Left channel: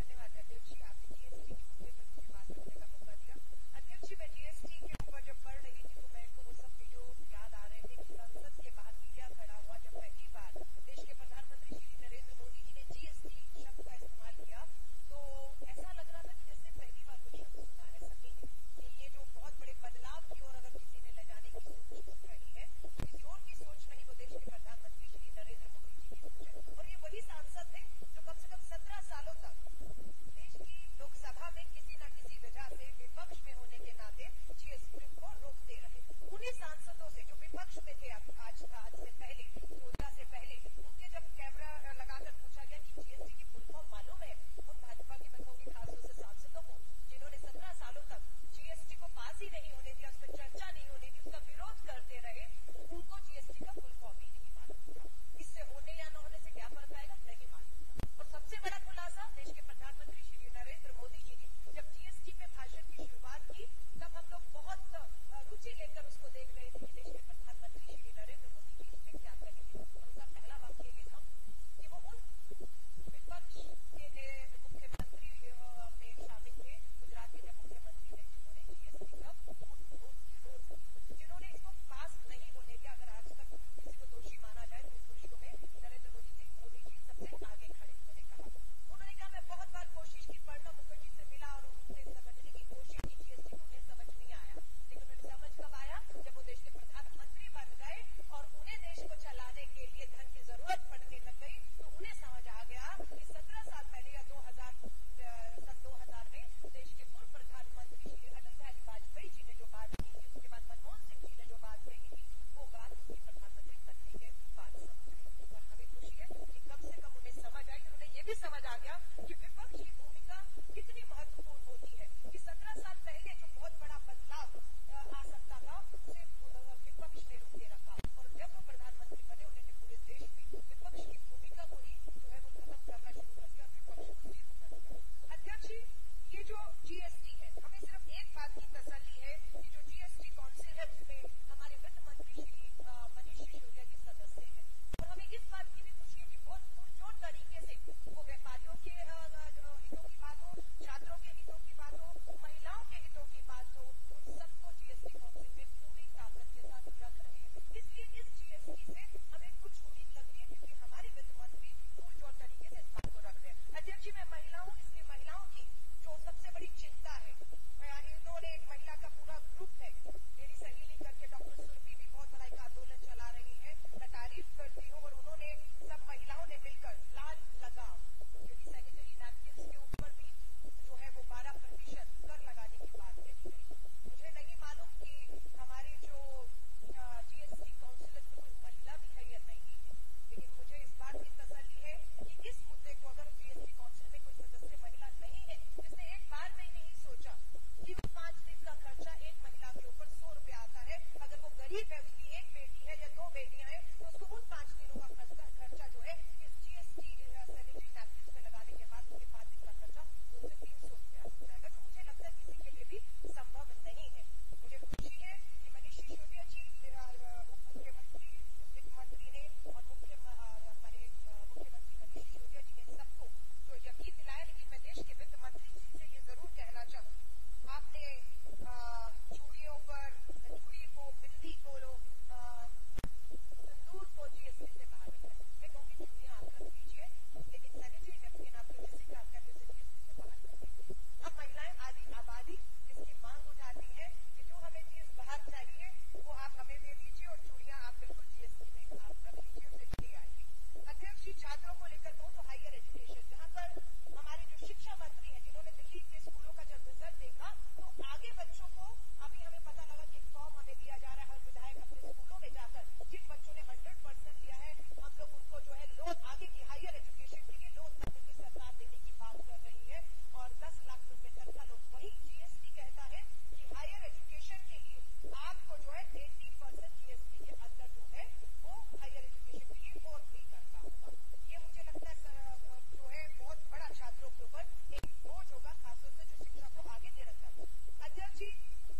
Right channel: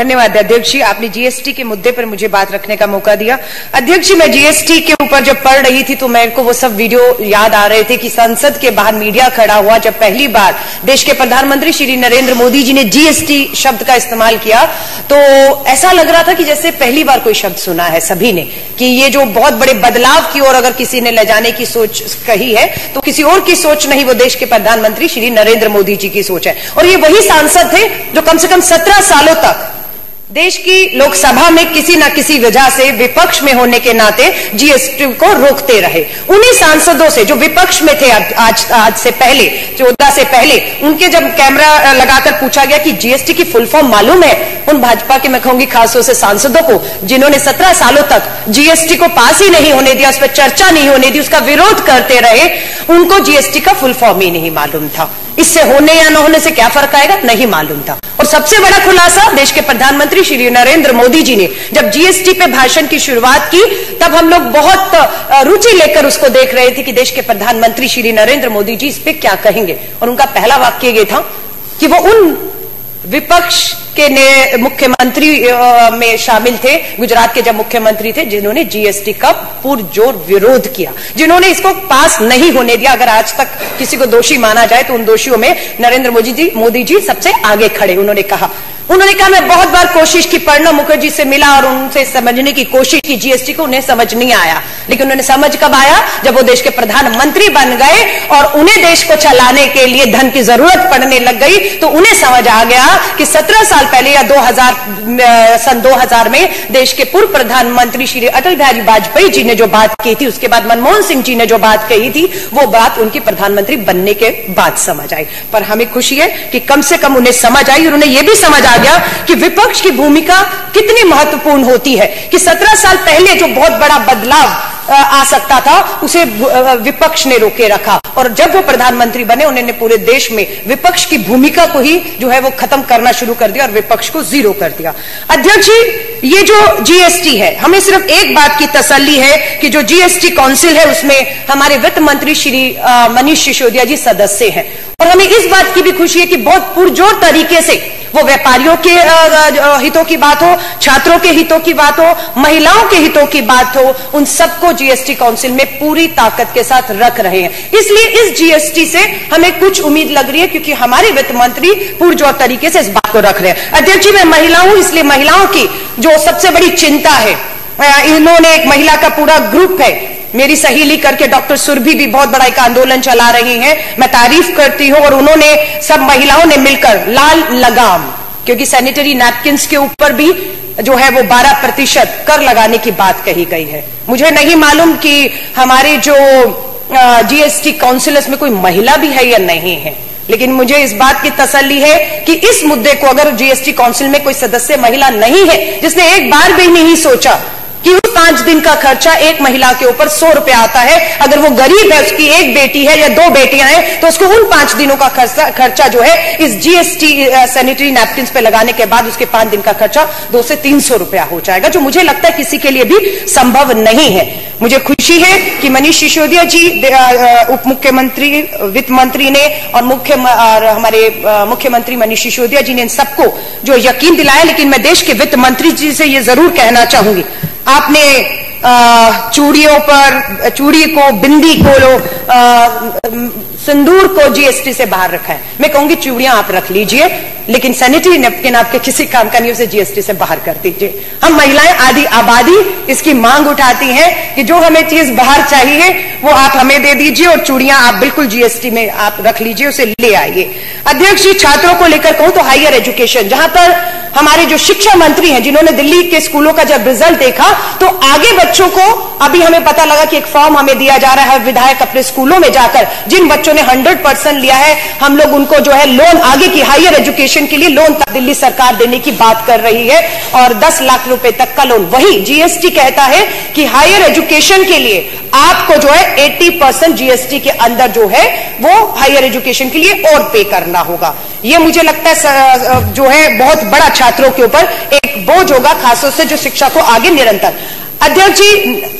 धन्यवाद अध्यक्ष जी, आपने जीएसटी के मुद्दे पर मुझे बात रखने का मौका दिया। अध्यक्ष जी, मैं जीएसटी के ऊपर जब पढ़ रही थी तो मेरे को वो सब वीडियो याद आ रहे थे कि संसद के बाहर मीडिया खड़ा हुआ जब पहली बार देश के प्रधानमंत्री श्री नरेंद्र मोदी जी ने जीएसटी शब्द का इस्तेमाल किया तो ऐसा लग रहा था कि जैसे पहली बार कोई शब्द सुना है सभी ने, कि ये जो बहुत बड़े बदलाव की ओर अगर किसी ने ले जाने की सोच कही है तो किसी और की सोच नहीं, वो देश के प्रधानमंत्री श्री नरेंद्र मोदी जी की सोच है। और ये वही सांसद थे जो कम से कम 17 सालों तक देश की लोकसभा में किसी न किसी वजह से विपक्ष में होने के नाते जीएसटी को रोकते रहे। उन्हीं सांसदों से जो विपक्ष में थे आज से पहले 14 से पहले, उनके जब कैमरा लगाकर पूछा गया कि जीएसटी की फुल फॉर्म मालूम है, उन भाजपा के मैं कहूंगी खासतौर से सांसदों को जिन्होंने 17 सालों तक जीएसटी को पास ही नहीं होने दिया, उस पर चर्चा नहीं होने दी, उसका विरोध करते रहे, उनको जीएसटी का फुल फॉर्म ही नहीं मालूम था। इससे होने या न होने से क्या फर्क आएगा, नहीं मालूम था। और सबसे बड़ा खुलासा देश के प्रधानमंत्री श्री नरेंद्र मोदी जी ने जब जीएसटी पे भाषण की शुरुआत की, तब हम लोग बहुत रुचि लेकर उसको देख रहे थे कि देश के प्रधानमंत्री श्री नरेंद्र मोदी जी इस पे क्या कहेंगे। और उनका पहला वाक्य ये था कि वो उन विपक्ष के मुख्यमंत्री में शामिल थे, गुजरात के जब मुख्यमंत्री थे, जिन्होंने जीएसटी का पुरजोर विरोध किया, जिन्होंने इसको पास नहीं होने दिया। अगर आज तक किसी को दोषी माना जाए तो उन दोषियों में नरेंद्र मोदी जी सबसे आगे खड़े। उन्होंने कहा मैं बहुत बार कोशिश की, प्रणब मुखर्जी से मिला और उनसे समझने की कोशिश की जीएसटी को, उन्हें समझ नहीं आया। लेकिन उन्हें समझ कब आया, जब वो देश के प्रधानमंत्री बन गए और उन्हें देश को चलाने के लिए धन की जरूरत पड़ने लग गई, तो उन्हें समझ आ गया कि 17 साल पहले या सन 2000 में देश के पूर्व प्रधानमंत्री श्री अटल बिहारी वाजपेयी जी ने जो बात की थी, उसके बाद मनमोहन सिंह जी ने जो बात कही थी, वो बात उनके प्रधानमंत्री बनने के बाद समझ आई। पर हमें खुशी है कि कम से कम उन्हें समझ आई और उन्हें यह भी समझ आ गया कि विपक्ष की भूमिका कितनी महत्वपूर्ण होती है, कि 17 साल पहले जो बहुत बड़ा बदलाव आ सकता था उसे विपक्ष ने रोके रखा। और जब वो प्रधानमंत्री बने, उन्होंने पूरे देश में विपक्ष की भूमिका को ही जो है वो खत्म करना शुरू कर दिया और विपक्ष को जीरो कर दिया। अध्यक्ष जी, ये जो जीएसटी है, हमें सिर्फ एक बात की तसल्ली है कि जो जीएसटी काउंसिल है उसमें हमारे वित्त मंत्री श्री मनीष सिसोदिया जी सदस्य हैं। और हमें इस बात की भी खुशी है कि बहुत पुरजोर तरीके से वो व्यापारियों के हितों की बात हो, छात्रों के हितों की बात हो, महिलाओं के हितों की बात हो, उन सबको जीएसटी काउंसिल में पूरी ताकत के साथ रख रहे हैं। इसलिए इस जीएसटी से हमें कुछ उम्मीद लग रही है, क्योंकि हमारे वित्त मंत्री पुरजोर तरीके से इस बात को रख रहे हैं। अध्यक्ष जी, मैं महिला हूं, इसलिए महिलाओं की जो सबसे बड़ी चिंता है, इन्होंने एक महिला का पूरा ग्रुप है, मेरी सहेली करके डॉक्टर सुरभि भी बहुत बड़ा एक आंदोलन चला रही हैं, मैं तारीफ करती हूं। और उन्होंने सब महिलाओं ने मिलकर लाल लगाम, क्योंकि सैनिटरी नैपकिन्स के ऊपर भी जो है वो 12% कर लगाने की बात कही गई है। मुझे नहीं मालूम कि हमारे जो जीएसटी काउंसिलर्स में कोई महिला भी है या नहीं है, लेकिन मुझे इस बात की तसल्ली है कि इस मुद्दे को, अगर जीएसटी काउंसिल में कोई सदस्य महिला नहीं है जिसने एक बार भी नहीं सोचा कि उस 5 दिन का खर्चा एक महिला के ऊपर 100 रुपया आता है, अगर वो गरीब है, उसकी एक बेटी है या 2 बेटियां हैं, तो उसको उन 5 दिनों का खर्चा जो है इस जीएसटी सैनिटरी नैपकिन्स पे लगाने के बाद उसके 5 दिन का खर्चा 200 से 300 रुपया हो जाएगा, जो मुझे लगता है किसी के लिए भी संभव नहीं है। मुझे खुशी है कि मनीष सिसोदिया जी, उप मुख्यमंत्री, वित्त मंत्री ने और हमारे मुख्यमंत्री मनीष सिसोदिया जी ने इन सबको जो यकीन दिलाया। लेकिन मैं देश के वित्त मंत्री जी से ये जरूर कहना चाहूंगी, आपने चूड़ियों पर, चूड़ी को, बिंदी को, सिंदूर को जीएसटी से बाहर रखा है। मैं कहूंगी चूड़ियां आप रख लीजिए, लेकिन सैनिटरी नैपकिन आपके किसी काम का नहीं, उसे जीएसटी से बाहर कर दीजिए। हम महिलाएं आधी आबादी इसकी मांग उठाती हैं कि जो हमें चीज बाहर चाहिए वो आप हमें दे दीजिए और चूड़ियां आप बिल्कुल जीएसटी में आप रख लीजिए, उसे ले आइए। अध्यक्ष जी, छात्रों को लेकर कहूं तो हायर एजुकेशन, जहां पर हमारे जो शिक्षा मंत्री हैं, जिन्होंने दिल्ली के स्कूलों का जब रिजल्ट देखा तो आगे बच्चों को, अभी हमें पता लगा कि एक फॉर्म हमें दिया जा रहा है, विधायक अपने स्कूलों में जाकर जिन बच्चों ने 100% लिया है, हम लोग उनको जो है लोन, आगे की हायर एजुकेशन के लिए लोन तक दिल्ली सरकार देने की बात कर रही है, और 10 लाख रुपए तक का लोन। वही जीएसटी कहता है कि हायर एजुकेशन के लिए आपको जो है 80% जीएसटी के अंदर जो है वो हायर एजुकेशन के लिए और पे करना होगा। ये मुझे लगता है जो है बहुत बड़ा छात्रों के ऊपर एक बोझ होगा, खासतौर से जो शिक्षा को आगे निरंतर। अध्यक्ष जी,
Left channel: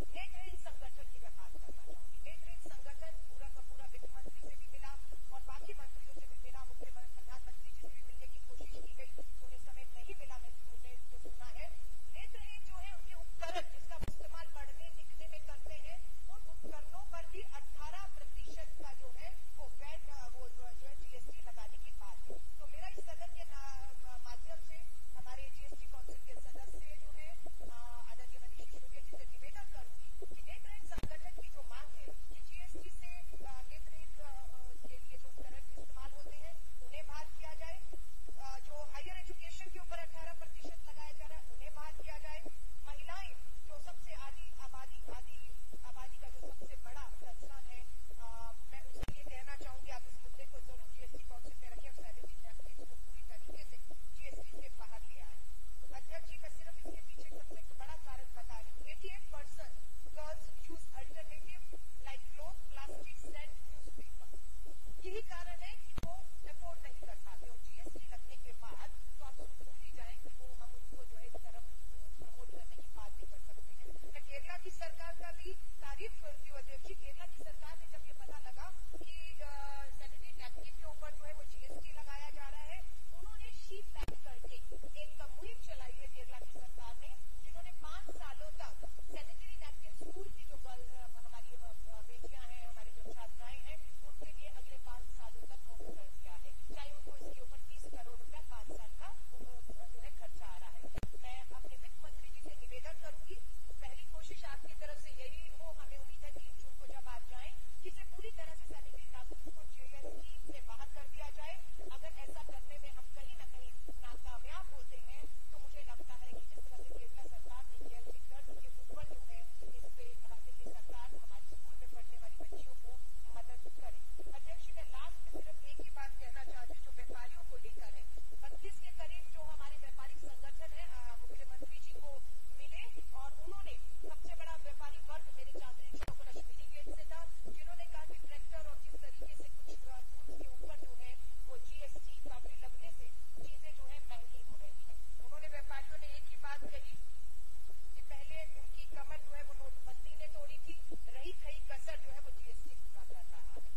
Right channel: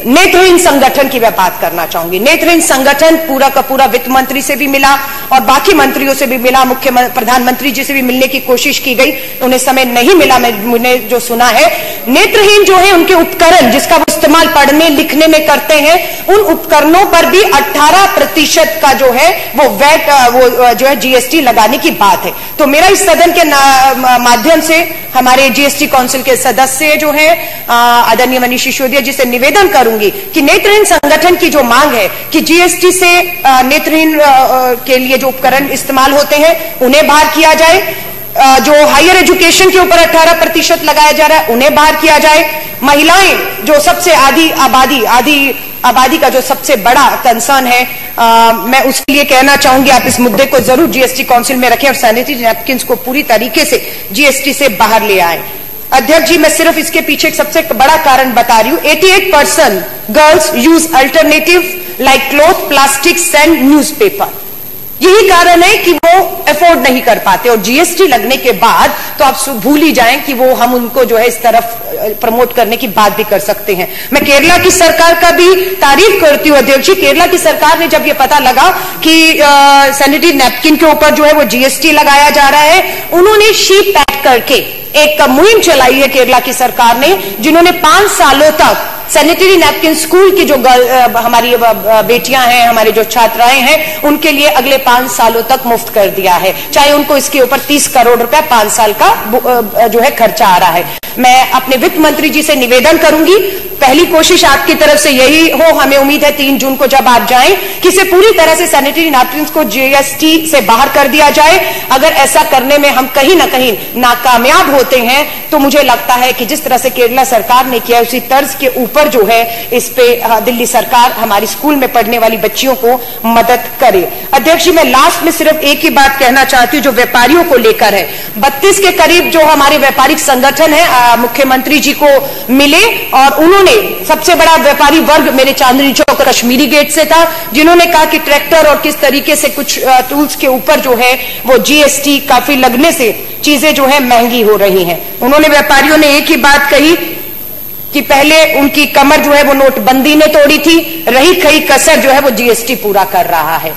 नेत्रहीन संगठन की मैं बात करना चाहूंगी। नेत्रहीन संगठन पूरा का पूरा वित्त मंत्री से भी मिला और बाकी मंत्रियों से भी मिला, प्रधानमंत्री जी से भी मिलने की कोशिश की गई, उन्हें समय नहीं मिला। मैंने जो सुना है, नेत्रहीन जो है उनके उपकरण जिसका वो इस्तेमाल पढ़ने लिखने में करते हैं, उन उपकरणों पर भी 18% का जो है वो वैट वो जो है जीएसटी लगाने की बात है। तो मेरा इस सदन के माध्यम से हमारे जीएसटी काउंसिल के सदस्य जो है आदरणीय मनीष सिसोदिया जी से निवेदन करूंगी कि नेत्रहीन संगठन की जो मांग है कि जीएसटी से नेत्रहीन के लिए जो उपकरण इस्तेमाल होते हैं उन्हें बाहर किया जाए, जो हायर एजुकेशन के ऊपर 18% लगाया जा रहा है उन्हें बाहर किया जाए, महिलाएं जो सबसे आधी आबादी का जो सबसे बड़ा कंसर्न है, मैं उसके लिए कहना चाहूंगी आप इस मुद्दे को जरूर जीएसटी काउंसिल में रखें और सैनिटरी नैपकिन को पूरी तरीके से जीएसटी से बाहर ले आए। अध्यक्ष जी, मैं सिर्फ इसके पीछे एक सबसे बड़ा कारण बता रही हूं। 88% girls use alternative like cloth, plastic, sand, newspaper. यही कारण है कि वो अफोर्ड नहीं कर पाते और जीएसटी लगने के बाद तो आप भूल ही जाएं कि वो हम उनको जो है इस तरफ प्रमोट करने की बात भी कर सकते हैं। मैं केरला की सरकार का भी तारीफ करती हूँ अध्यक्ष जी। केरला की सरकार ने जब ये पता लगा कि सैनिटरी नैपकिन के ऊपर जो है वो जीएसटी लगाया जा रहा है, उन्होंने शीट पैक करके एक मुहिम चलाई है केरला की सरकार ने, जिन्होंने 5 सालों तक सैनिटरी नैपकिन स्कूल की जो हमारी बेटियां हैं, हमारे जो छात्राएं हैं, उनके लिए अगले 5 सालों तक मुफ्त कर दिया है, चाहे उनको इसके ऊपर 30 करोड़ रुपया 5 साल का जो है खर्चा आ रहा है। मैं अपने वित्त मंत्री जी से निवेदन करूंगी, पहली कोशिश आपकी तरफ से यही हो, हमें उम्मीद है 3 जून को जब आप जाएं कि इसे पूरी तरह से सैनिटरी नैपकिन को जीएसटी से बाहर कर दिया जाए। अगर ऐसा करने में हम कहीं ना कहीं नाकामयाब होते हैं तो मुझे लगता है कि जिस तरह से केरला सरकार ने किया उसी तर्ज के ऊपर जो है इस पे दिल्ली सरकार हमारी स्कूल में पढ़ने वाली बच्चियों को मदद करे। अध्यक्ष जी, मैं लास्ट में सिर्फ एक ही बात कहना चाहती हूँ जो व्यापारियों को लेकर है। 32 के करीब जो हमारे व्यापारिक संगठन है मुख्यमंत्री जी को मिले और उन्होंने, सबसे बड़ा व्यापारी वर्ग मेरे चांदनी चौक कश्मीरी गेट से था, जिन्होंने कहा कि ट्रैक्टर और किस तरीके से कुछ टूल्स के ऊपर जो है वो जीएसटी काफी लगने से चीजें जो है महंगी हो रही हैं। उन्होंने, व्यापारियों ने एक ही बात कही कि पहले उनकी कमर जो है वो नोटबंदी ने तोड़ी थी, रही खई कसर जो है वो जीएसटी पूरा कर रहा है।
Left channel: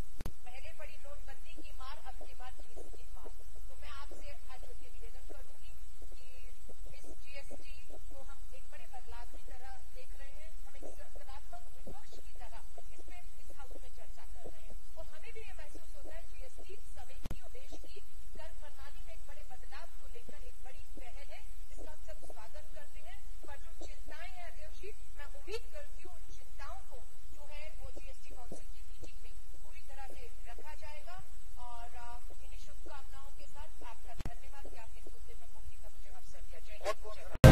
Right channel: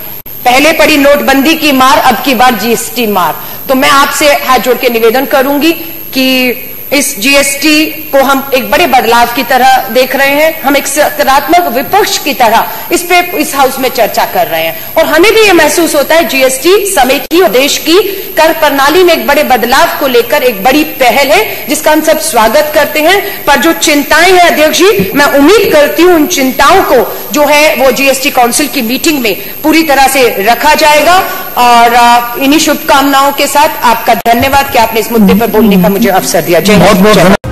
पहले पड़ी नोटबंदी की मार, अब की बार जीएसटी मार। तो मैं आपसे हाथ जोड़ के निवेदन करूंगी कि इस जीएसटी को हम एक बड़े बदलाव की तरह देख रहे हैं, हम एक सकारात्मक विपक्ष की तरह इस हाउस में चर्चा कर रहे हैं और हमें भी ये महसूस होता है जीएसटी समय की और देश की कर प्रणाली में एक बड़े बदलाव को लेकर एक बड़ी पहल है जिसका हम सब स्वागत करते हैं। पर जो चिंताएं हैं अध्यक्ष जी, मैं उम्मीद करती हूं उन चिंताओं को जो है वो जीएसटी काउंसिल की मीटिंग में पूरी तरह से रखा जाएगा और इन्हीं शुभकामनाओं के साथ आपका धन्यवाद कि आपने इस मुद्दे पर बोलने का मुझे अवसर दिया। जय बहुत बहुत